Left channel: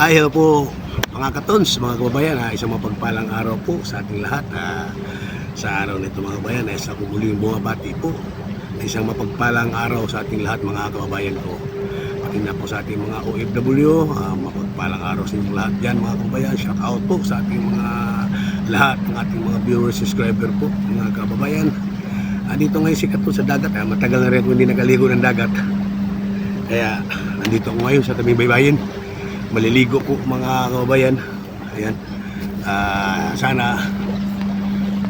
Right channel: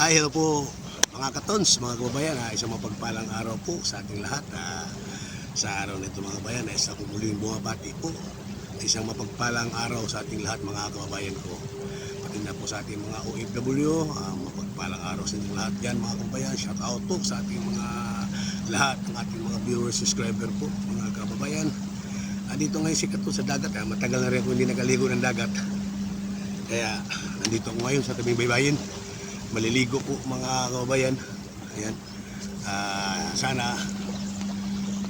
Hi, hello po mga katons, mga kababayan. Isang mapagpalang araw po sa ating lahat. Sa araw nito mga kababayan, sa kumuling bumabati po. Isang mapagpalang araw sa ating lahat mga kababayan ko. Pati na po sa ating mga OFW, mapagpalang araw sa inyong lahat dyan mga kababayan. Shout out po sa ating mga lahat ng ating mga viewers, subscriber po mga kababayan. Dito ngayon si Katon sa dagat. Matagal na rin ako hindi nakaligo ng dagat. Kaya nandito ako ngayon sa tabing baybayin. Maliligo po mga kababayan. Ayan. Sana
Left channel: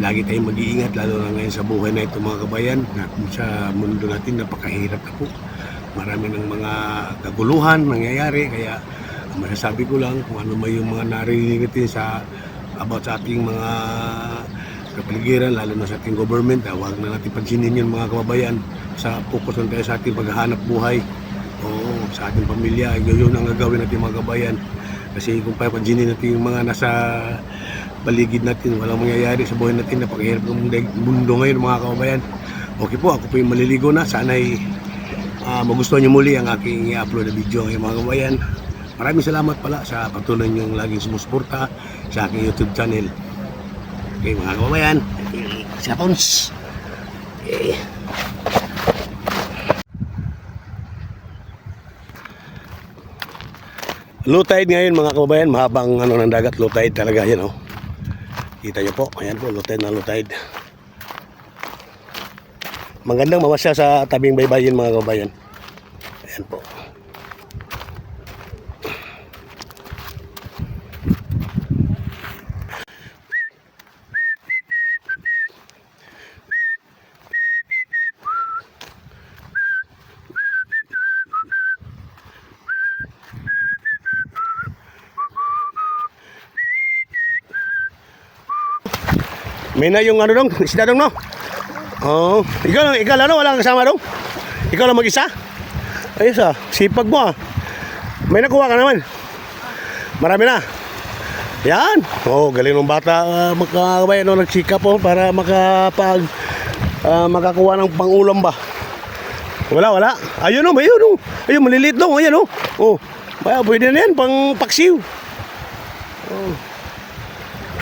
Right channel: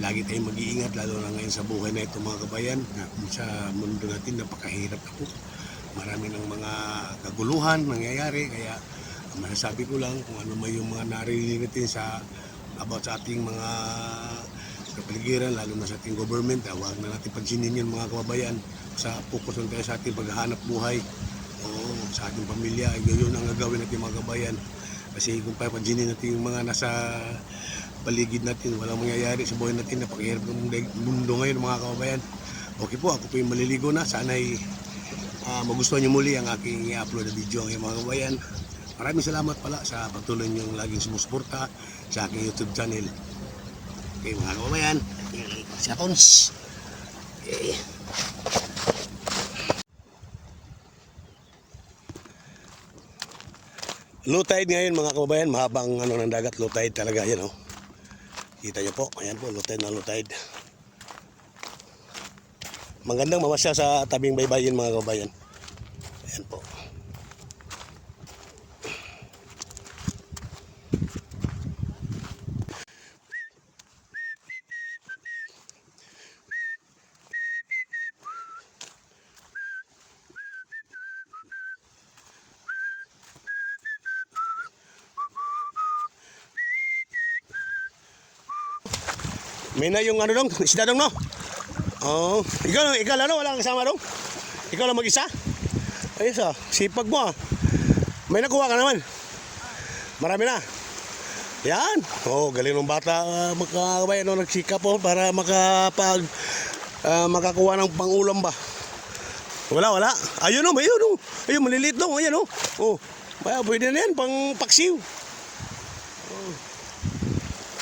lagi tayong mag-iingat, lalo na ngayon sa buhay na ito mga kababayan. Sa mundo natin napakahirap na po. Marami ng mga kaguluhan nangyayari. Kaya masasabi ko lang kung ano may yung mga narinig natin sa about sa ating mga kapaligiran, lalo na sa ating government. Huwag na natin pansinin yun mga kababayan. Focus lang tayo sa ating paghahanap buhay. Oo, sa ating pamilya, yun ang gagawin natin mga kabayan. Kasi kung papansinin natin yung mga nasa paligid natin, walang mangyayari sa buhay natin. Napakahirap ng mundo ngayon mga kababayan. Okay po, ako po yung maliligo na. Sana'y magustuhan nyo muli ang aking i-upload na video ngayon mga kababayan. Maraming salamat pala sa patuloy nyong laging sumusuporta sa aking YouTube channel. Okay mga kababayan, si Katons. Okay. Low tide ngayon mga kababayan, mahabang ng dagat, low tide talaga yan oh. Kita nyo po, ayan po, low tide na low tide. Magandang mamasya sa tabing baybayin mga kababayan. Ayan po. May na yung dong, isda dong no? Oh, ikaw lang, wala kang kasama dong? Ikaw lang mag-isa? Ayos sipag mo May nakuha ka naman? Marami na? Yan, galing ng bata magkakabayan nagsikap para makakuha ng pangulam ba? Wala. Ayun ayun maliliit dong, ayun pwede na yan, pang paksiw.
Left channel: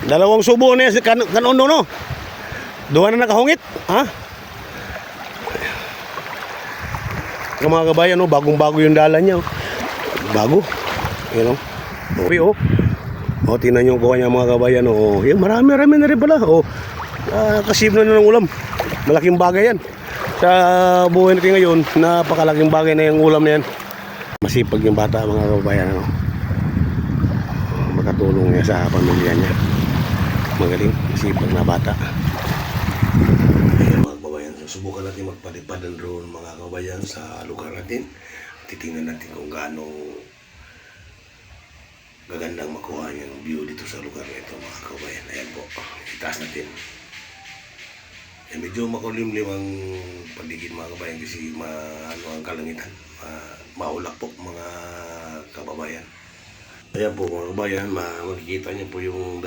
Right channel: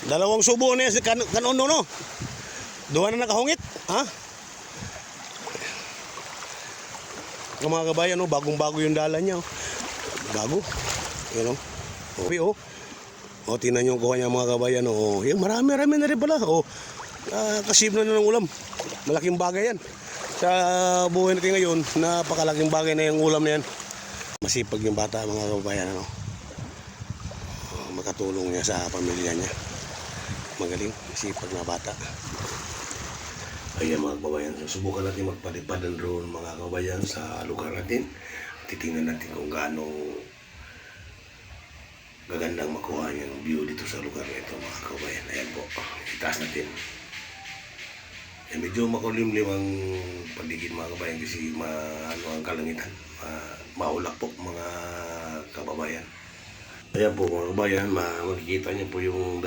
Dalawang subo na yan kanon no? Duha na nakahungit, ha? Mga kabayan, bagong-bago yung dala niya. Bago. Yan okay tingnan nyo kuha niya mga kabayan. Yan, marami na rin pala. Kasib na ng ulam. Malaking bagay yan. Sa buhay natin ngayon, napakalaking bagay na yung ulam na yan. Masipag yung bata mga kabayan. Makatulong niya sa pamilya niya. Magaling, sipag na bata. Ayan mga kababayan, susubukan natin magpalipad ng drone mga kababayan sa lugar natin. Titingnan natin kung gaano gagandang makuha yung view dito sa lugar na ito mga kababayan. Ayan po, itaas natin. Ayan, medyo makulimlim ang paligid mga kababayan kasi ang kalangitan. Maulap po mga kababayan. Ayan po mga kabayan, makikita niyo po yung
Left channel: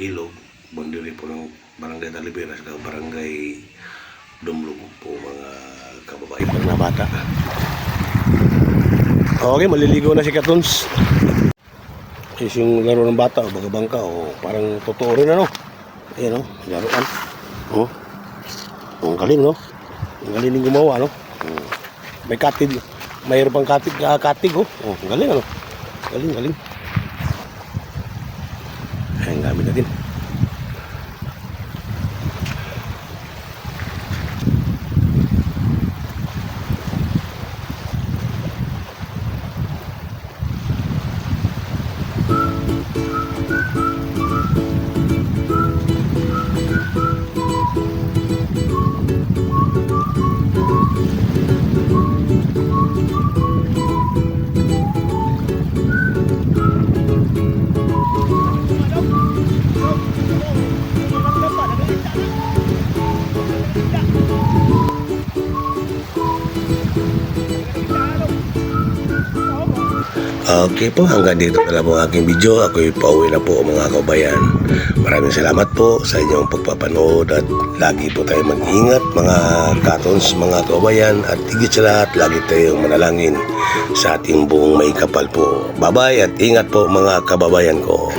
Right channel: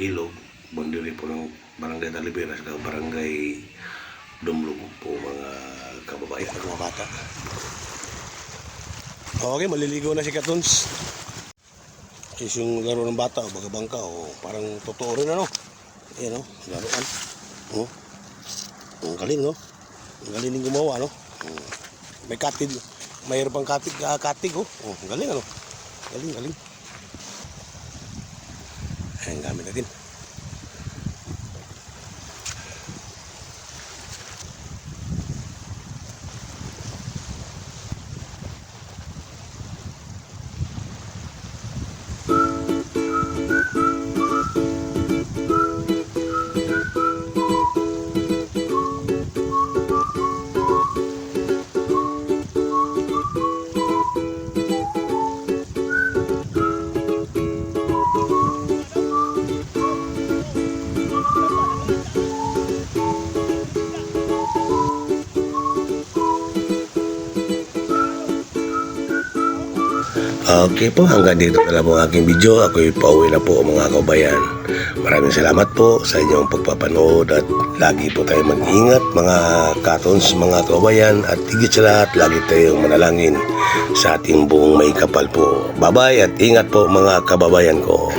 ilog, boundary po ng Barangay Taliberas sa Barangay Dumlug po mga kababayan na bata. Okay, maliligo na si Katons. Is yung laro ng bata bangka parang totoo rin Ayan laruan. Ang galing Ang galing gumawa May katig, mayroon pang katig ang galing Galing. Ayan, gamit natin. Okay po, hanggang dito na lang po ang aking video. Ako'y pauwi na po mga kabayan. Maraming salamat po sa inyong pagpapanood at lagi po tayo mag-ingat mga katons, mga kabayan, at higit sa lahat, lagi tayong manalangin sa ating buong may kapal po. Bye-bye at ingat po mga kababayan ko.